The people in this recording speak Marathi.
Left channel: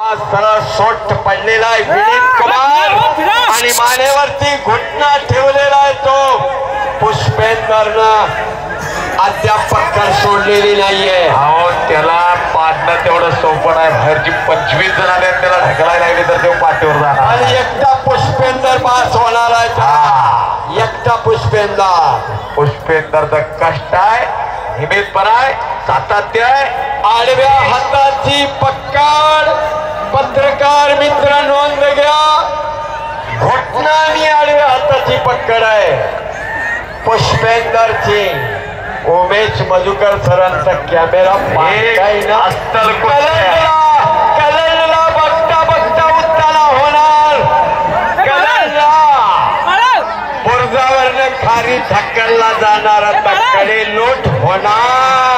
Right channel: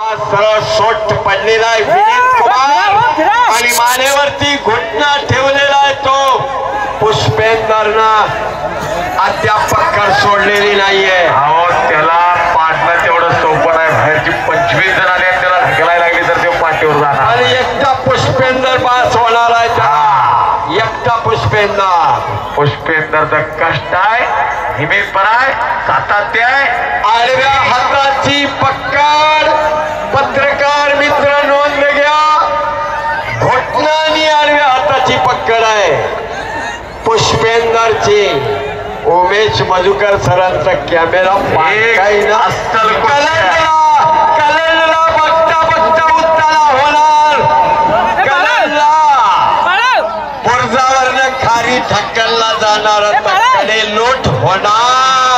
सरळ सोट पडलेला आहे विनीत कुमार आणि मानेवरती घुटना ठेवलेला आहे तो पुष्पेंदरनं अद्याप पक्कड सोडलेली नाहीये. अहो त्याला पाडणं तेवढं सोपं आहे. बाहेरची 25 जण आले त्याला ढकलायला लागले तर ते पाठीवर जाणार आणि एकटा पुष्पेंदर पास होणार आहे का? एकटा पुष्पेंदरचं कष्ट आहे, हिमेपणा आहे, सातत्य आहे. आडव्या हाताची पक्कड. पत्रकार मित्र नोंद घ्या, घोटना आणि आडव्या हाताची पक्कड आहे पुष्पेंदरची. उमेश मधुकर सरांचा कॅमेरा कलेला बघता बघता उत्ताला होणार. बुरजावरनं खारी ढकलला जाणार आता कडे लोट होणार.